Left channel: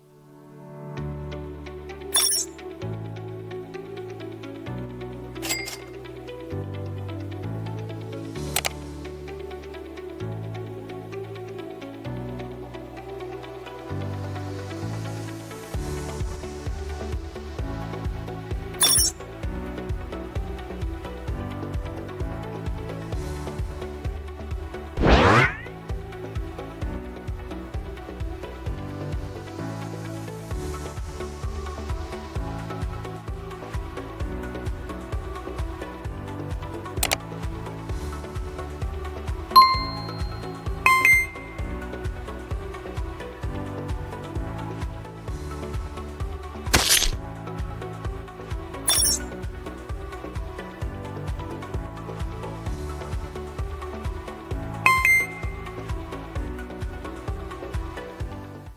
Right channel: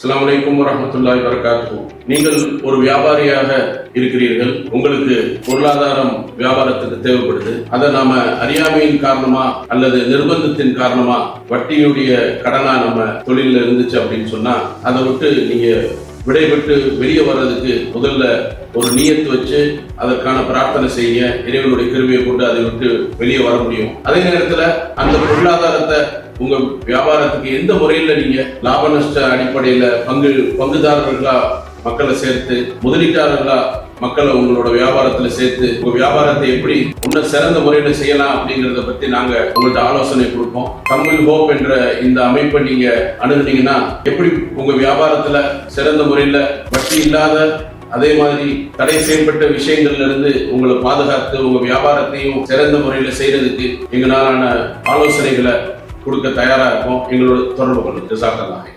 அஸ்ஸலாமு அலைக்கும் வரஹ்மத்துல்லாஹி வபரகாத்துஹு. நீங்கள் ஒரு வியாபாரியாக இருக்கிறீர்கள். உங்களுக்கு பொருளாதாரம் வியாபாரத்துக்கு தேவைப்படுது. அதை நாம அறியாமையின் காரணமா அல்லது நிர்பந்தத்தின் காரணமா வட்டியுடைய கடனா நம்ம தொழில இருந்துச்சு அப்படின்னு சொன்னா அதை விட்டு நீங்க விடைபெற்று வெளியே வர்றதுக்கு முதல்ல ஒரு நியத்து வச்சு அதற்கான பிரார்த்தனை செய்ய இறைவனுடைய கிருபையை கொண்டு அதை விட்டு வெளியே வர முடியும். அதே நேரத்துல அந்த பொருளாதாரத்தை உங்க வியாபாரத்துக்கு எந்த முறையில நீங்க லாப நஷ்ட அடிப்படையில பங்குதாரர்களா மக்களை சேர்த்து முதலீட்டாளர்களா மக்களை உங்களோட வியாபாரத்துல சேர்த்து உங்க வியாபாரத்தை எப்படி இன்னும் சிறந்த முறையில செய்யலாம் அப்படிங்கறத பத்தி நாங்க உங்கள்ட்ட ஆலோசனை கொடுப்போம். தமிழ் ஹோப் என்ற இந்த அமைப்பை நீங்க அணுகுனீங்கன்னா எப்படி உங்க வியாபாரத்துல சிறந்த முறையில வட்டி இல்லாத அதே மாதிரி தடை செய்யப்பட்ட விஷயங்கள்ல இருந்து உங்களை பாதுகாத்து உங்க வியாபாரத்தையும் சிறந்த முறையில செய்யறதுக்கு எங்களாலான ஆலோசனைகளை கொடுக்க தயாரா இருக்கும். எங்களோட தொடர்பு கொள்ளுங்க. ஜஸாக்கல்லாஹ்.